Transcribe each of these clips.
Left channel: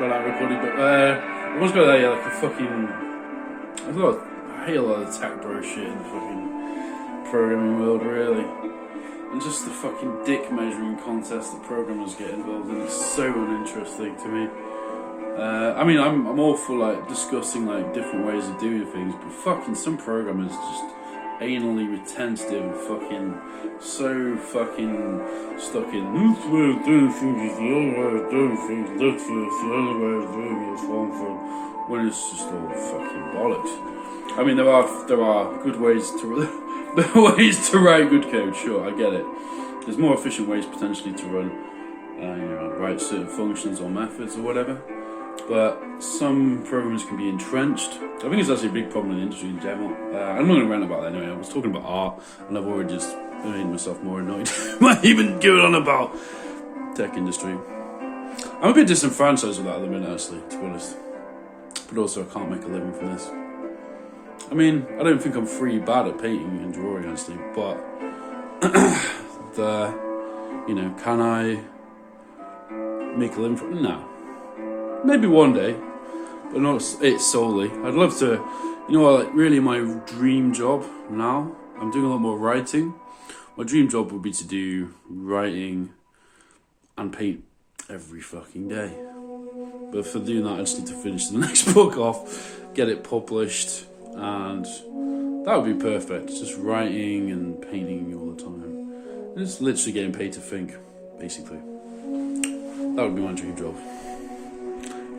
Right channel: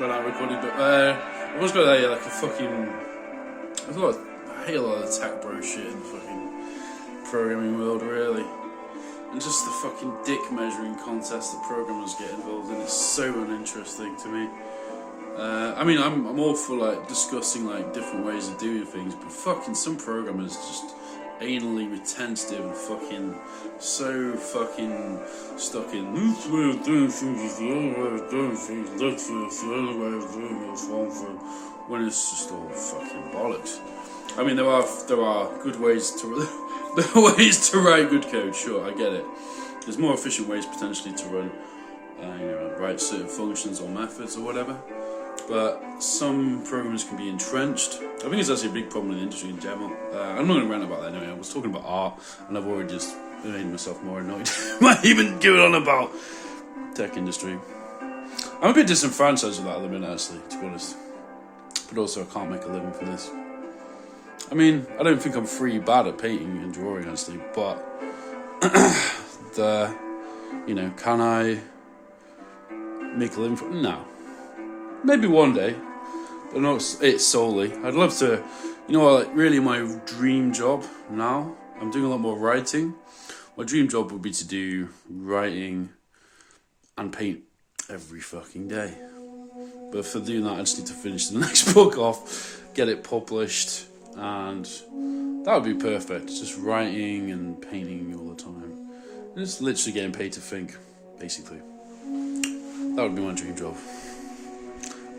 run out of recording, but I once got like a fucking. I hate a lot of the tech bro shit in the fucking programming world, really. And just the fucking dick measuring contest that programmers get involved in is so uninteresting to me. I mean, I'm all for like discussing like different ways of doing things, but fucking some programmers just anally retentive and fucking so fucking stuck in this way of doing things is the only way of doing things, that's the only way of doing it, when it's just all fucking bollocks. I mean, there are good ways to there are ways to write good code. Sure, I get it. There's more efficient ways potentially to run, write certain functions or methods or whatever. But some programs can be entrenched. I think it's actually a big problem in the industry in general. I'm not going to rant about that anyway. I was talking about art, and I've already just made myself more annoyed. Might even go on about tech industry. I'm a bit disenfranchised with that at the minute, actually, to be honest. But also, I can't make a living from this. I mean, I don't think I'm free bad at painting and drawing, actually, but can I make a living from it? No. Maybe one day, but not it solely. I'd love to, really my dream job now, I'm doing a lot more writing. My dream job would be to do writing and paint every fucking day. But for doing that, I just need to finish the next book off, get it published, and that would be perfect. Just writing and painting all the time. And just literally getting paid to think, basically. That would be my dream job.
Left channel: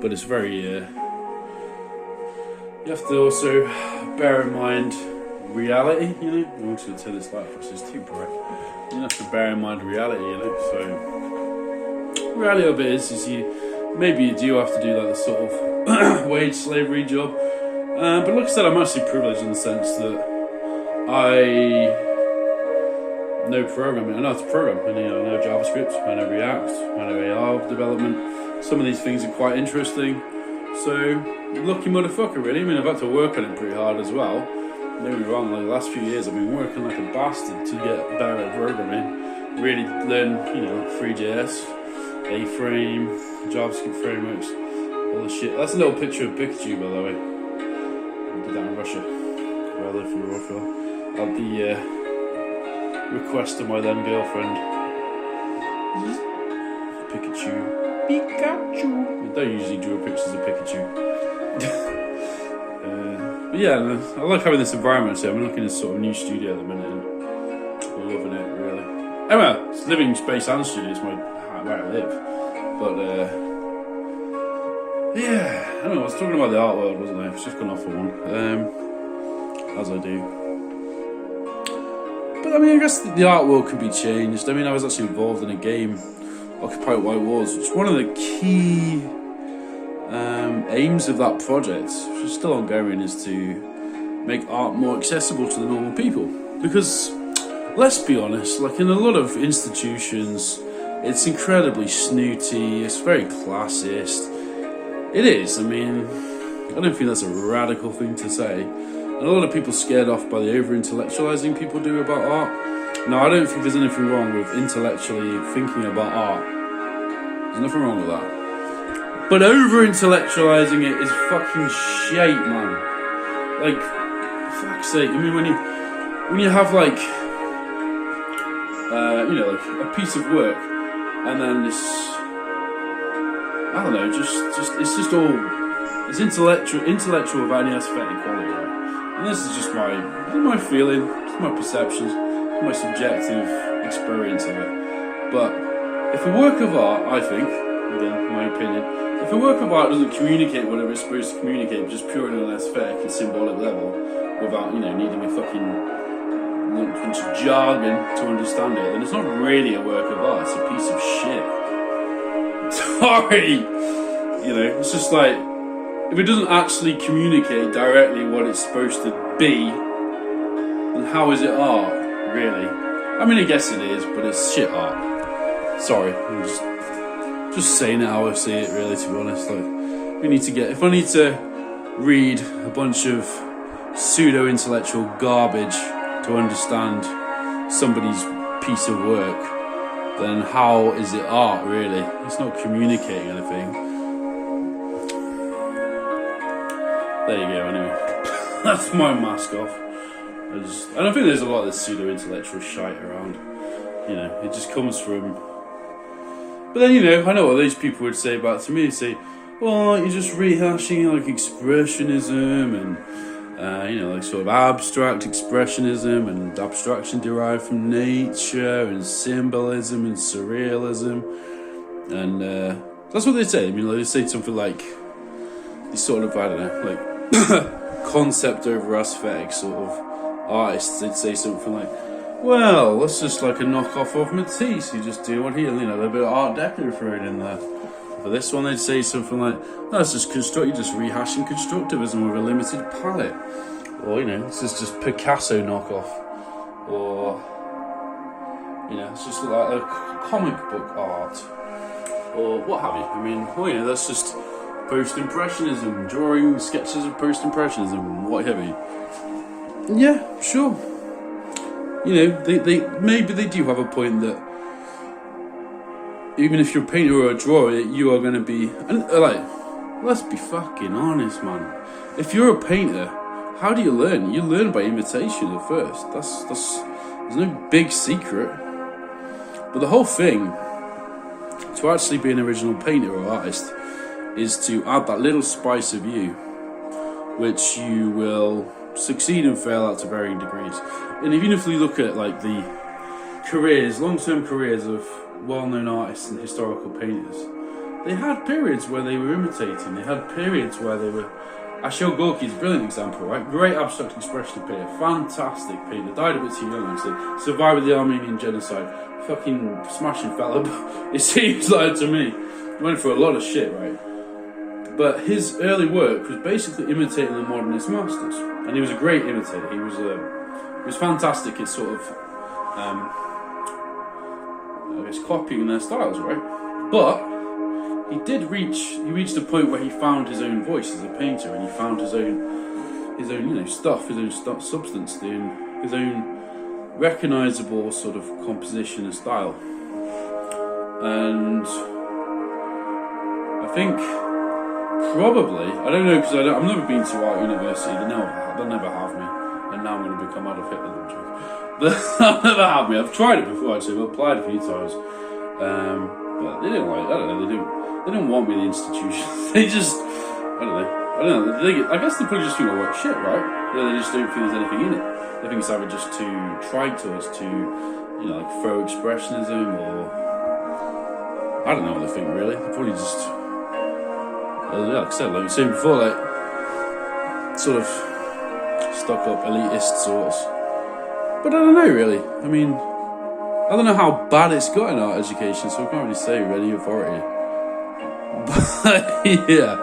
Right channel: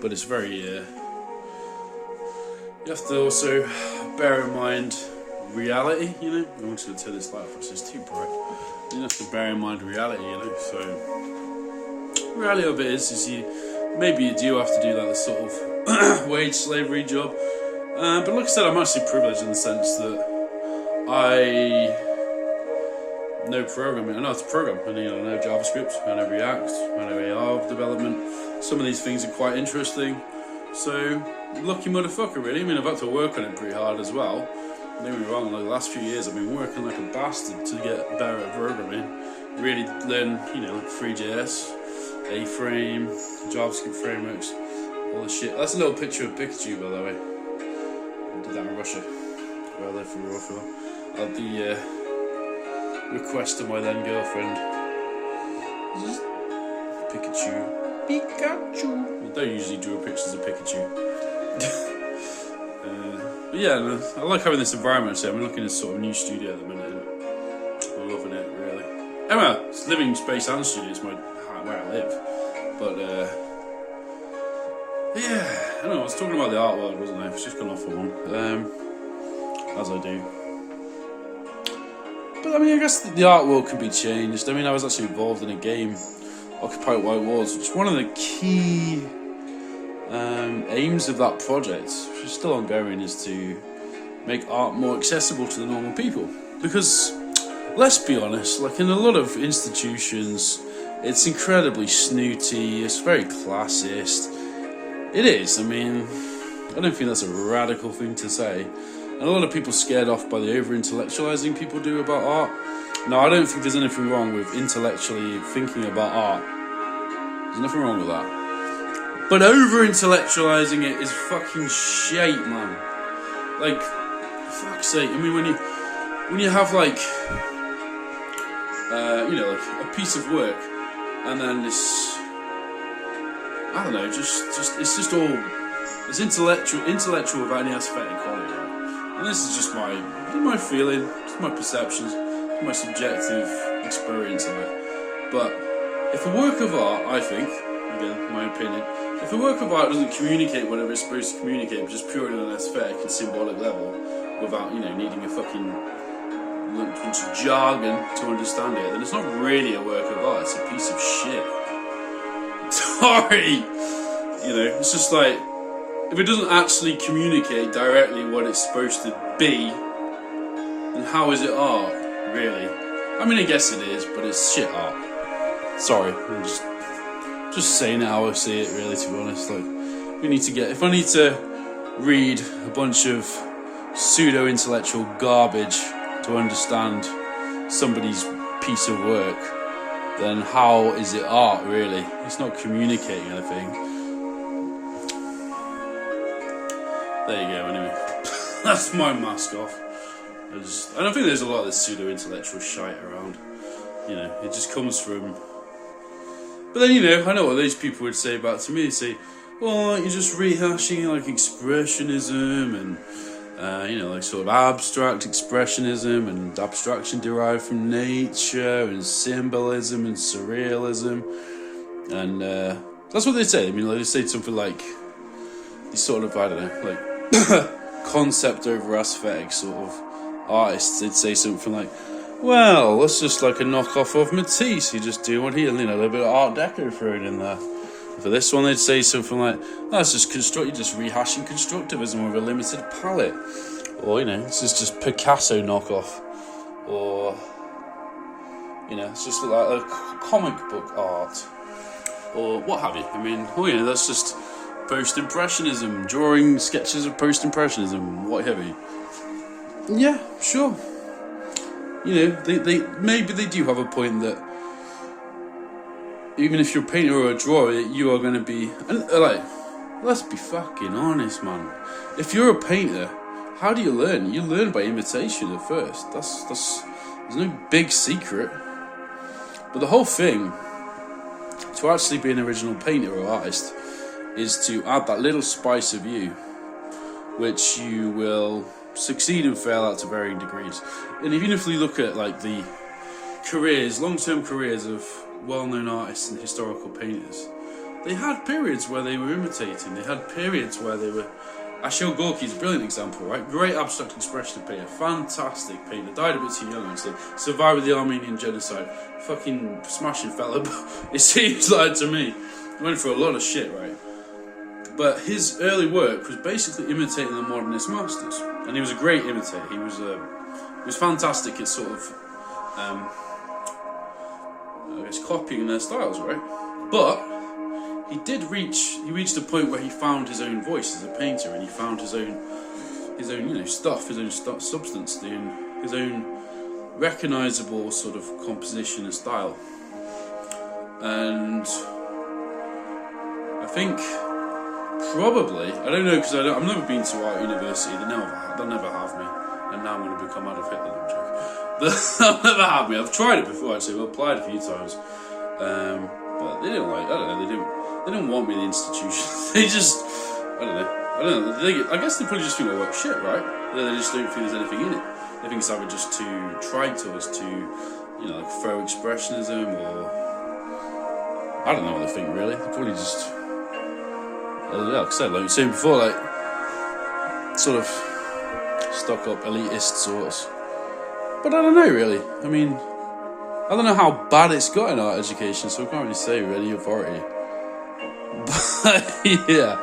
But it's very, you have to also bear in mind reality, I'm just going to turn this light off, it's too bright. You have to bear in mind reality, so the reality of it is maybe you do have to do like the sort of wage slavery job. But like I said, I'm actually privileged in the sense that I know programming. I know how to program. I know JavaScript, I know React, I know AR development. Some of these things are quite interesting. So, lucky motherfucker, really. I mean, I've had to work on it pretty hard as well. Don't get me wrong, like the last few years I've been working like a bastard to get better at programming. Really learn, like 3JS, A-frame, JavaScript frameworks, all this shit. That's a little picture of Pikachu, by the way. I did that in Russia, where I lived for Russia. At the request of my then girlfriend. Pikachu. I don't usually draw pictures of Pikachu. But yeah, I like having this environment. So I'm looking at sort of new studio at the minute, and I'm loving it really. Anyway, it's living space and studio. It's where I live. But yeah, I don't know. I was talking about the art world, wasn't I? I've just gone off on one, as I do. But I mean, I guess the art world can be changed. I mean, I was actually involved in a game, Occupy White Walls. It's one of the key aims of that project, which is still ongoing, is to make art more accessible to the normal people. Because, let's be honest, like in a lot of institutions, it's incredibly snooty, it's very classist. It is, I mean, I don't think that's a radical thing to say. And a lot of people scared off by the over-intellectualizing people do about art. Now, I don't think there's anything wrong with intellectually thinking about art. There's nothing wrong with that. But over-intellectualizing it is fucking shite, man. Like, for fuck's sake. I mean, when you have like, like a piece of work, and then this, I don't know, it's just all, it's intellectual without any aesthetic quality, right? And this is just my feeling, just my perceptions, my subjective experience of it. But if a work of art, I think, again, my opinion, if a work of art doesn't communicate whatever it's supposed to communicate, just purely on an aesthetic and symbolic level, without, needing a fucking bunch of jargon to understand it, then it's not really a work of art, it's a piece of shit. Sorry! It's just like, if it doesn't actually communicate directly what it's supposed to be, then how is it art, really? I mean, I guess it is, but it's shit art. Sorry, I'm just saying it how I see it, really, to be honest. Like, if I need to read a bunch of pseudo-intellectual garbage to understand somebody's piece of work, then how is it art, really? It's not communicating anything. there you go. Anyway, that's my mask off. I don't think there's a lot of this pseudo-intellectual shite around. You know, it just comes from. But then, you know, I know what these people would say about to me. They say, well, you're just rehashing like expressionism and, you know, like sort of abstract expressionism and abstraction derived from nature and symbolism and surrealism. And that's what they say. I mean, like, they say something like, these sort of, I don't know, like concept over aesthetic sort of artists. They'd say something like, well, that's just like a knockoff of Matisse. You just do what he, you know, a little bit of Art Deco thrown in there. For this one, they'd say something like, that's just you're just rehashing constructivism with a limited palette. Or, you know, this is just Picasso knockoff. Or, you know, it's just like a comic book art. Or what have you. I mean, well, you know, that's just post-impressionism, drawing sketches of post-impressionism, what have you. Yeah, sure. You know, they maybe they do have a point that even if you're a painter or a drawer, you are going to be, and like, let's be fucking honest, man. If you're a painter, how do you learn? You learn by imitation at first. That's there's no big secret. But the whole thing, to actually be an original painter or artist, is to add that little spice of you, which you will succeed and fail at to varying degrees. And even if we look at like the careers, long-term careers of well-known artists and historical painters, they had periods where they were imitating. They had periods where they were. Ashil Gorky's a brilliant example, right? Great abstract expressionist painter, fantastic painter. Died a bit too young, actually. Survived with the Armenian genocide. Fucking smashing fella. It seems like to me, went through a lot of shit, right? But his early work was basically imitating the modernist masters, and he was a great imitator. He was fantastic at sort of, I guess, copying their styles, right? But he reached a point where he found his own voice as a painter, and he found his own, you know, stuff, his own substance, his own recognizable sort of composition and style. And I think. Probably, I don't know, because I've never been to art university. They'll never have me, and now I'm going to become Adolf Hitler. No joke. They'll never have me. I've tried it before, actually. I've applied a few times, but they didn't like. I don't know. They didn't want me in the institution. They just, I don't know. I guess they probably just think I work shit, right? They just don't think there's anything in it. They think it's either just too trite or it's too, you know, like faux expressionism, or I don't know what they think really. They probably just. Yeah, like I said, like you said before, like sort of stuck up elitist sorts. But I don't know really. I mean, I don't know how bad it's got in art education, so I can't really say with any authority. But yeah.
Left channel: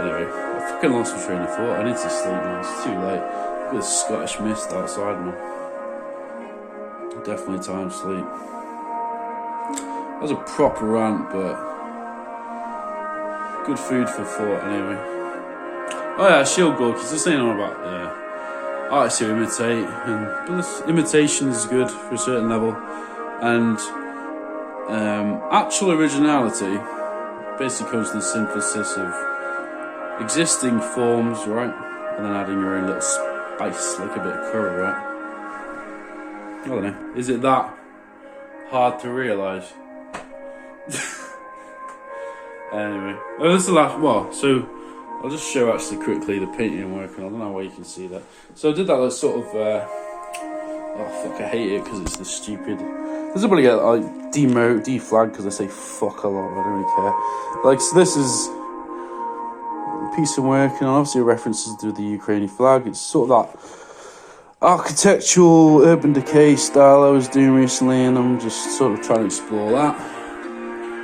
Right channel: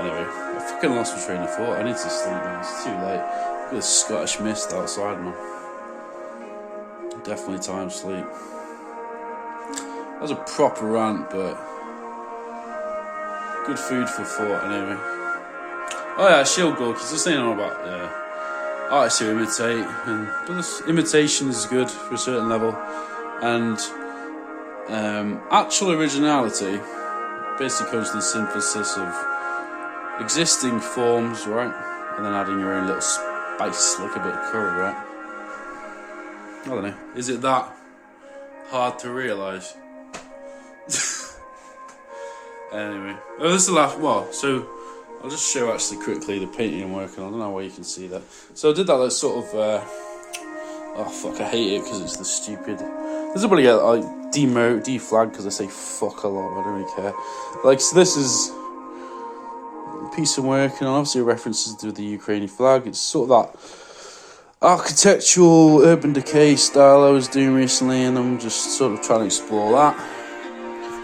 Anyway, I fucking lost my train of thought. I need to sleep now. It's too late. I've got a Scottish mist outside, man. Definitely time to sleep. That was a proper rant, but. Good food for thought, anyway. Oh yeah, Shield Gorky. Just saying all about artists who imitate, but imitation is good for a certain level, and actual originality basically comes to the synthesis of existing forms, right, and then adding your own little spice, like a bit of curry, right? I don't know. Is it that hard to realise? Anyway, this is the last. Well, so I'll just show actually quickly the painting I'm working on. I don't know where you can see that. So I did that sort of. Oh fuck! I hate it because it's the stupid. Does anybody get like deflag because I say fuck a lot? I don't really care. Like, so this is a piece I'm working on. Obviously, references to the Ukrainian flag. It's sort of that architectural urban decay style I was doing recently, and I'm just sort of trying to explore that.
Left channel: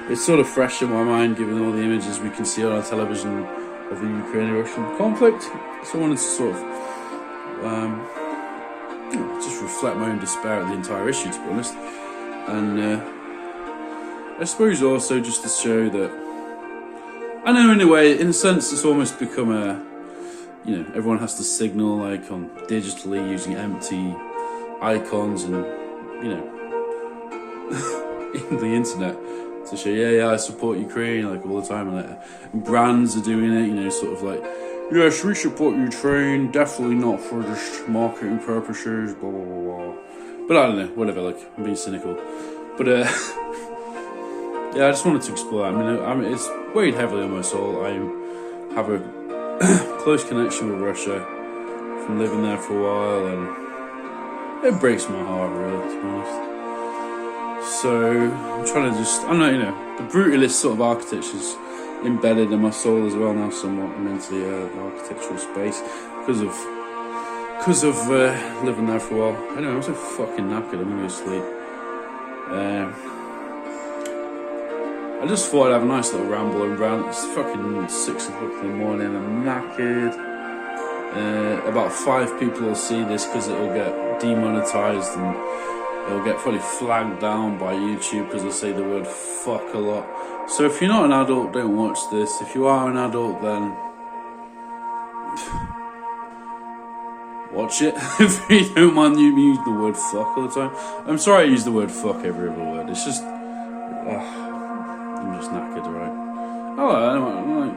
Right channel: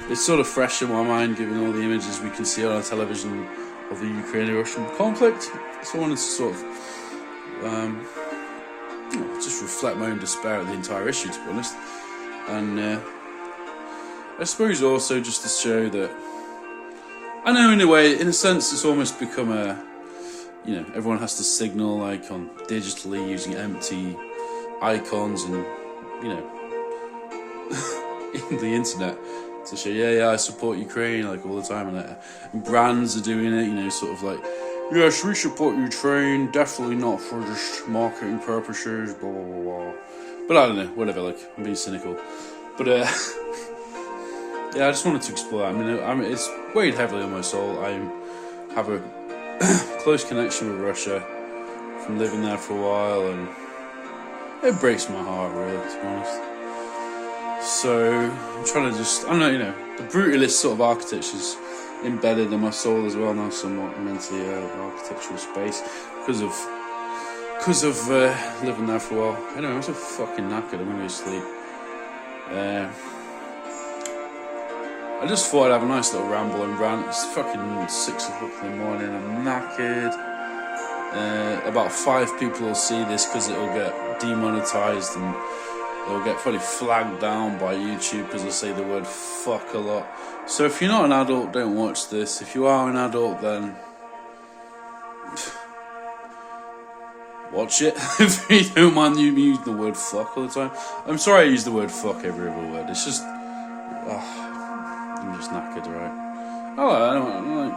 It's sort of fresh in my mind, given all the images we can see on our television of the Ukrainian-Russian conflict. So I wanted to sort of, just reflect my own despair at the entire issue, to be honest. And I suppose also just to show that, I know in a way, in a sense, it's almost become everyone has to signal like on digitally using empty icons and, in the internet. To show, I support Ukraine, like all the time, and brands are doing it, sort of like Yes, we support Ukraine, definitely not for just marketing purposes, blah, blah, blah, blah. But I don't know, whatever, like, I'm being cynical. But, yeah, I just wanted to explore that. I mean, it's weighed heavily on my soul. I have a close connection with Russia from living there for a while, and it breaks my heart, really, to be honest. So, I'm trying to just, I'm not, the brutalist sort of architecture's embedded in my soul as well now, somewhat. I'm into the architectural space because of living there for a while. I know, I'm so fucking knackered, I'm gonna go to sleep. I just thought I'd have a nice little ramble and rant. It's fucking 6 o'clock in the morning, I'm knackered. About 5 people will see this because it'll get demonetized and it'll get probably flagged down by YouTube because I say the word fuck a lot. So if you're not an adult, don't watch this. If you are an adult, then watch it. If you don't mind you use the word fuck all the time. I'm sorry I use the word fuck every other word. It's just, I'm just knackered, right? Oh, I don't know.